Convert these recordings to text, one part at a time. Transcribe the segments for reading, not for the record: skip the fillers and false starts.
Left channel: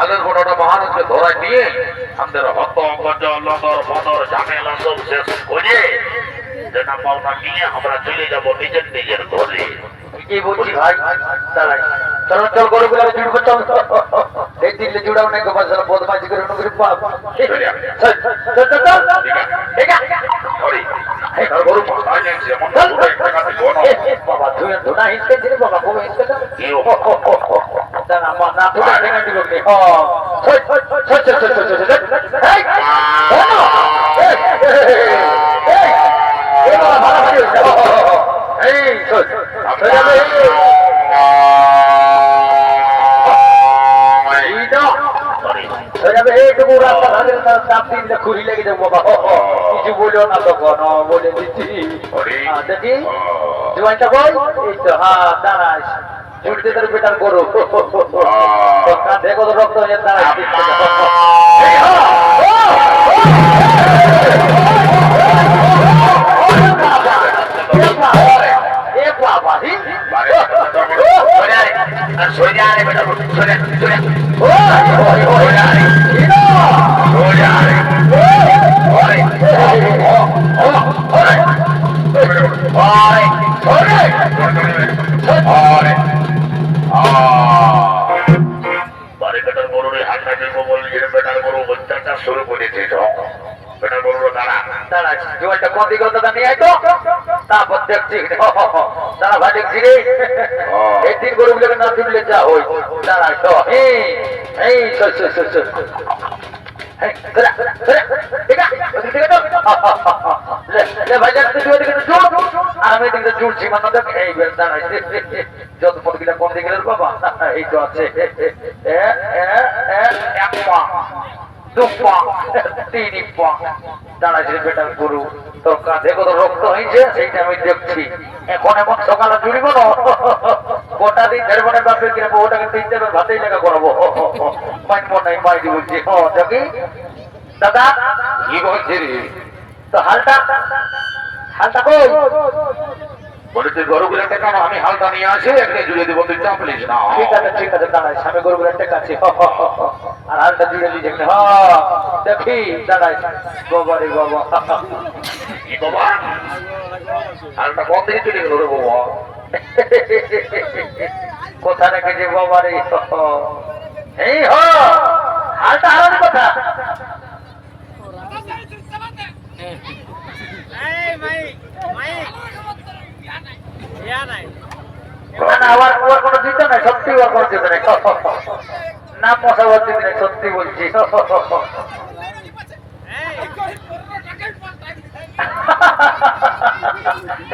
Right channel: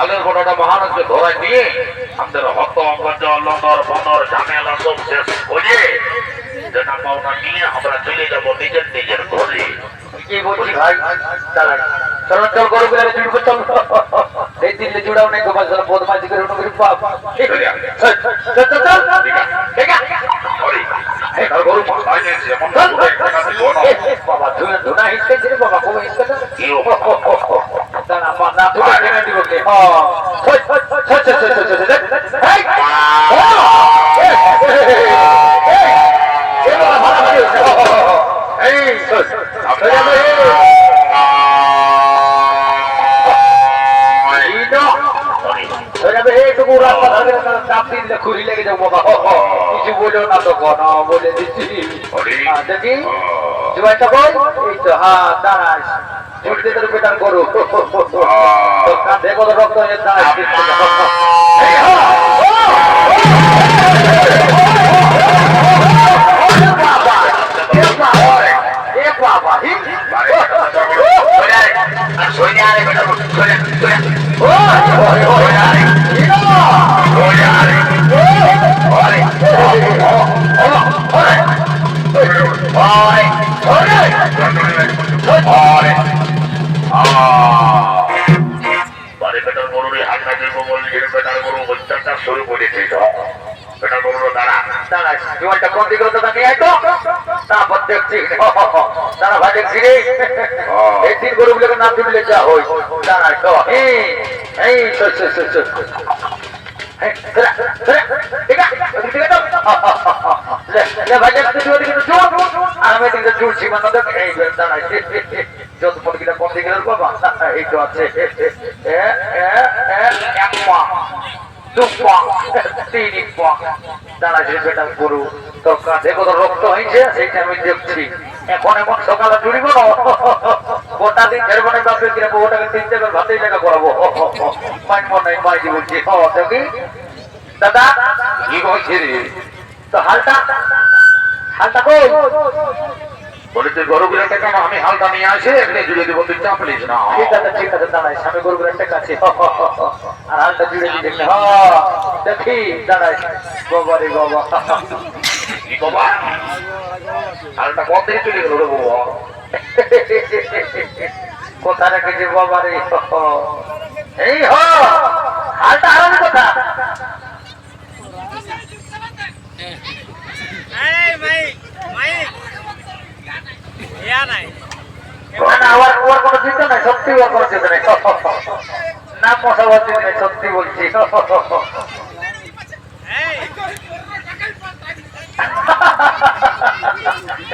আগের গোটাটা মহারাজকে ধরাই দিয়ে আমাদের হত গজল লদর বদর ঝামেলা সব শেষ করে যেটা পাওনা নিয়ে আমরা চলে যাবো নিজের নিজের ঘরে। কি বলছি ভাই দাঁড়াই চল চল গরু গুলো জুড়বো চল এই দিল্লি জুড়াও নাই গোপাল চল বদমাজি করে উঠে বাপ চল চল চল ঠিক আছে এই গরু মাথায় নিয়েছে এমন বাবা ধুয়ে ধুনা হিসকে ছিল বাবা কবে হিসকে দাঁড়া মা না তুলে কেন দিব কে খুরি লেগে যাবো বাবা কিছু বলেও না তো কোন বলে দিচ্ছি দেখি জুয়ানটা বল এই তো হ্যাঁ দাঁড়াস জুড়তে তোর বেটার করো কাঁধে কত রক্ত হয়ে দাঁড়াস শুরু করেছে বেটার গরু দাঁড়া দাঁড়া জুয়ানটা কোন দিকে দাদা নিয়ে আয় তো তারপর দেখছি দাঁড়া ভাই দেখছি রে এই তিন গরুগুলোকে না তুললে যা হই দাঁড়া তো এই চল চল চল চল গরু তোর কাঁধে কত রক্ত হয়েছে সেইটা আমি দেখছি এখন এমন সকালে জুড়িব না গোটা দিন ঝেড়বনের বাপের কিনা ওটাকে 3 টাকা ভাতেই টাকা করাবো মাইন নাই মাইজি বলছি দেখি দাদা কি বলছি রে তো হালটা হালটা কই বলেছে গরুগুলোকে কেন আমি হালটা নিয়ে আসে এখানে জুড়ে দেবো তুই চাপ নিস না ঠিক আছে দাঁড়াই সামনে গরুগুলোর কাছে আর হালটা জুড়ে দিই দেখি দেখি দাঁড়াই বাবা রে বাবা কি বাবা হালটা কত থেকে চলে গেল রে বাবা কোথা রেখেছে বাবা রে এই হালটা হারান কথা ওর কোনো চিন্তা নাই সত্যি ওর কোনো চিন্তা নাই না মশাবার চিন্তা নাই সত্যি বলছি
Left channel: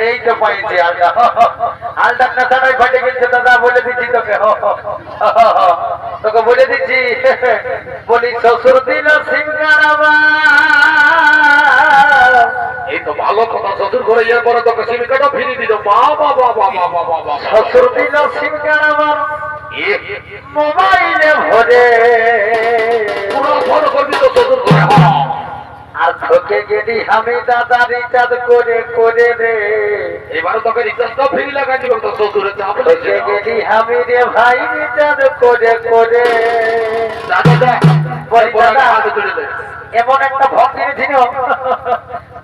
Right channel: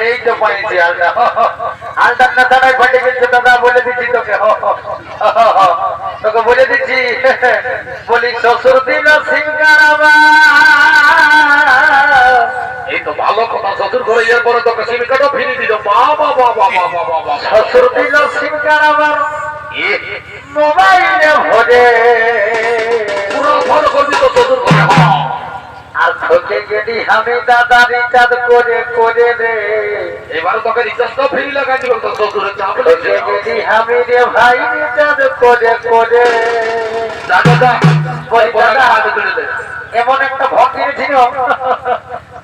এই তো পাইছি হালটা হালটার কথাটাই ঘটে গেছে দাদা বলে দিচ্ছি তোকে তোকে বলে দিচ্ছি বলি শ্বশুর দিল সিংহারাবা এই তো ভালো কথা শ্বশুর ঘরে যাওয়ার পরে তোকে সিমিকাটা ফিরিয়ে দিল বাবা বাবা বাবা বাবা শ্বশুর দিল সিংহারাবা মোবাইলে ভরে পুরো ফোন করবি তো শ্বশুর ঘরে আর তোকে গেলি আমি দাদা রিচার্জ করে করে রে এবারে তোকে রিচার্জটা ফ্রি লাগাই দিল তো শ্বশুরের চাপ তোকে গেলি আমি রে ভাই রিচার্জ করে করে দাদা এমন একটা ভঙ্গি ছিল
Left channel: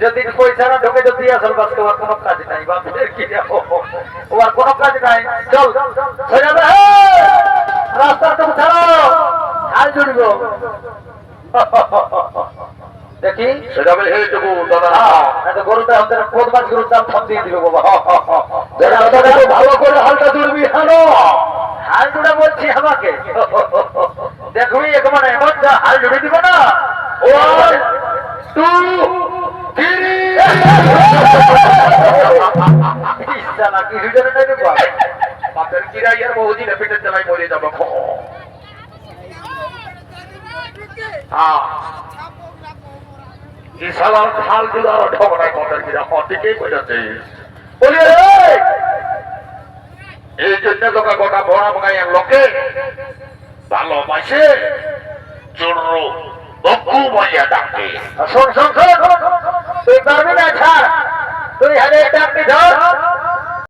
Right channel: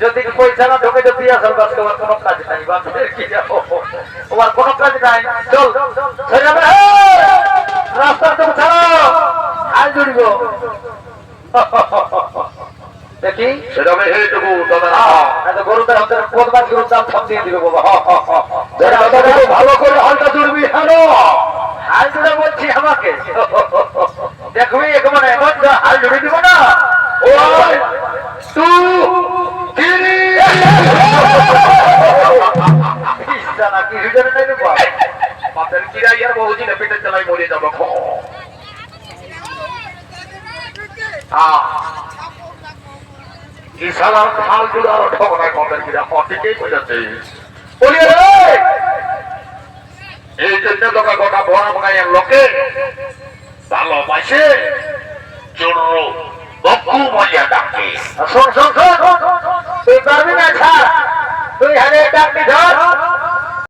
যদি পয়সা না ঢোকে যদি আসল বাস তোমার কোনো কাজ নাই বাপের কি যাবো ওর কোনো কাজ নাই চল হয়ে যাবে রাস্তার তুমি ছাড়াও হাল জুড়িব দেখি সেটাবে এইটুকু দাদা গরুটা আমাদের বদমাস গরুর চাপ সব দিয়ে দিবে বাবা ভালো করে হালটা জুড়বি হ্যালো হাল জুড়ে বলছি আমাকে দেখবি একেবারে এমন হাল জুড়ে দিব না ও 2 3 কিছু জানে নাই বাপের কিরাই আর বহু দিন পেটের চালাই মরে যাবো ইশালার খাল দুলার ঠগনায় বাপের কিরা ঠিকই বোঝাচ্ছে বলি এই জন্য তোকে গোটা বড় বড়াইয়ের লোকে ভালোবাসে চোরো বকু বলিয়া ডাকে শোন শোন শোন তুই পারবি না ছাড় তুই হারে ডাকবি ধর